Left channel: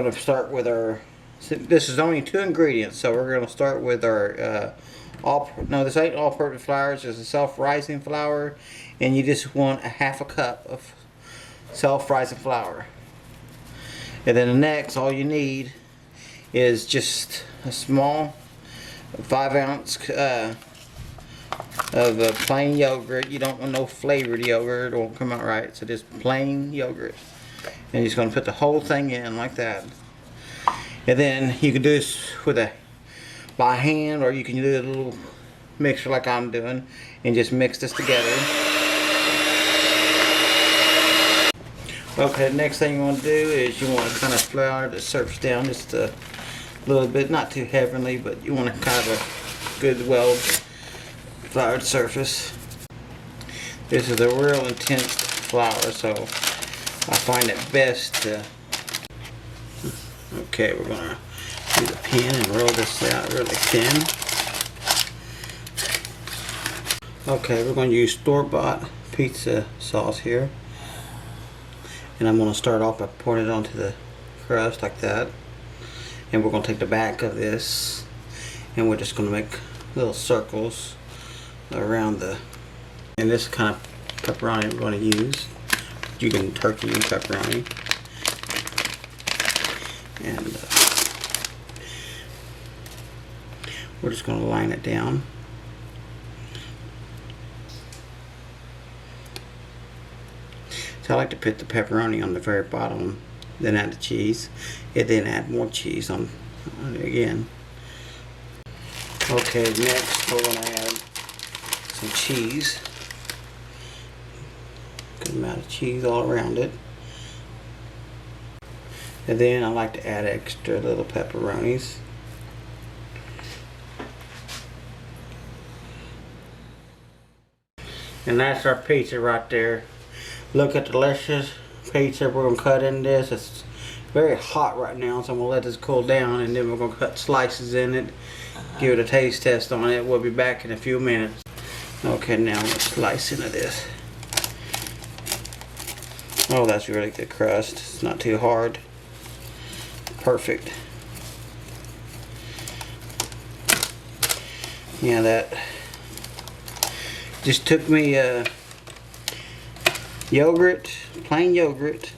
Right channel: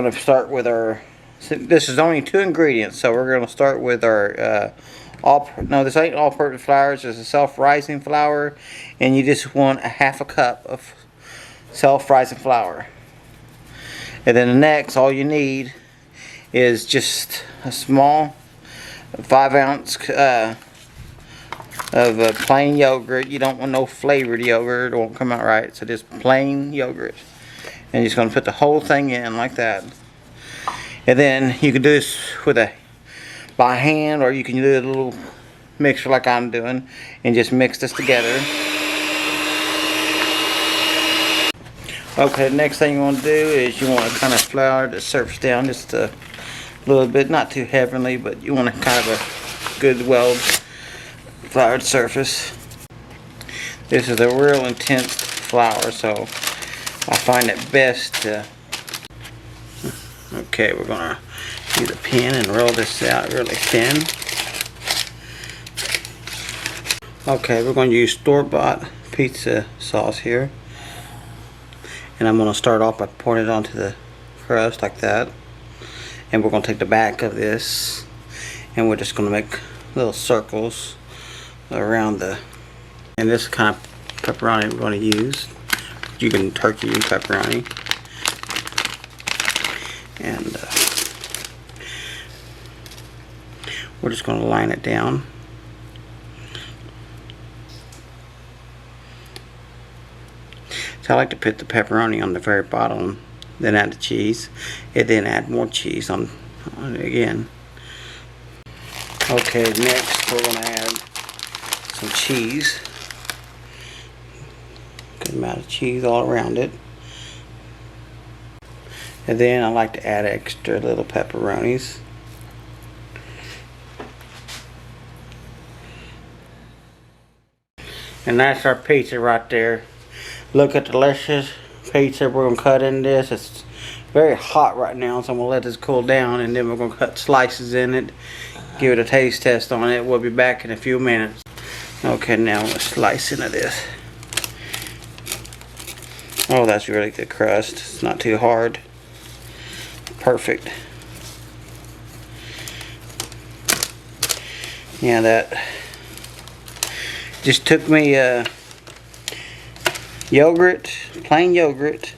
going to start with our, this is only 2 ingredients, so we're going to start with our, this ain't all-purpose flour, it's just a self-rising flour, and you just want a ½ cup of self-rising flour. And then the next, all you need is just a small 5-ounce of plain yogurt. You don't want no flavored yogurt, it won't come out right, so just plain yogurt. And you're just going to put the whole thing in like that. And then you can do this with by hand, or you can do a little mixer like I'm doing and just mix this together. Okay, the next thing you want to do is you want to kind of flour the surface down just a little bit, not too heavily, but you want to kind of a good well floured surface. This is a real intense flour, so I find it best to, okay, we're going to use a pen and roll this out really thin. Okay, we're going to use store-bought pizza sauce here. And I'm going to start off by pouring it onto the crust like that. And we're going to take the back of this and we're just going to make little circles around the, and this kind of pepperoni we're going to use. You can turkey and pepperoni. And we're just going to line it down. So I like to put the pepperoni on the very bottom, then add the cheese, and then add more cheese on it again. Okay, next we're going to add some cheese. Good amount of cheese all around it. And then I like to add extra little pepperonis. And that's our pizza right there. Look at the delicious pizza we're going to cut in this. It's very hot right now, so I'm going to let this cool down, and then we're going to cut slices in it, give it a taste test on it. We'll be back in a few minutes. Okay, now let's slice into this. Oh, that's really good crust. It's not too hard. Perfect. Yeah, that just took me yogurt, plain yogurt,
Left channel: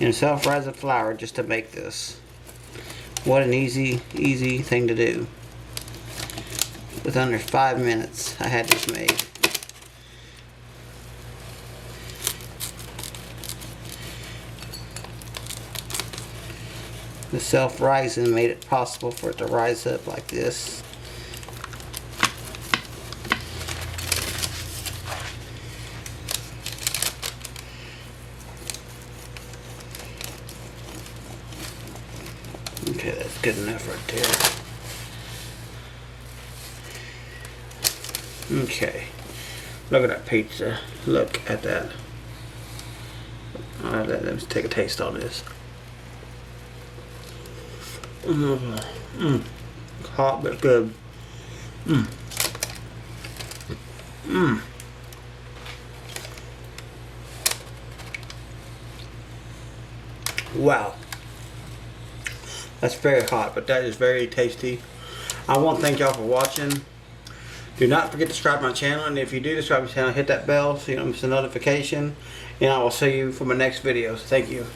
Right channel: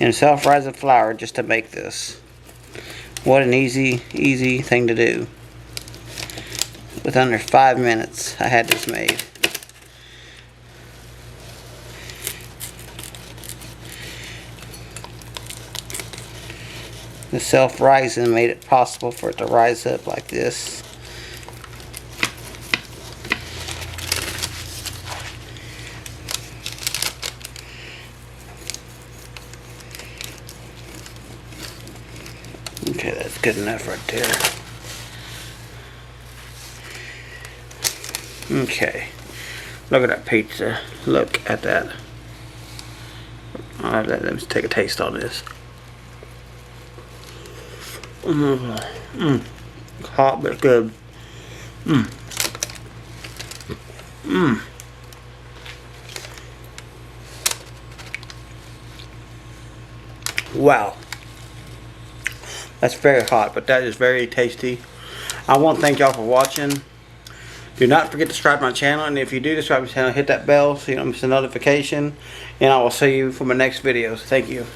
and self-rising flour just to make this. What an easy thing to do. With under 5 minutes, I had this made. The self-rising made it possible for it to rise up like this. Okay, that's good enough right there. Okay, look at that pizza. Look at that. Alright, let's take a taste on this. Hot but good. Wow. That's very hot, but that is very tasty. I want to thank y'all for watching. Do not forget to subscribe to my channel, and if you do subscribe to my channel, hit that bell so you don't miss a notification, and I will see you for my next videos. Thank you.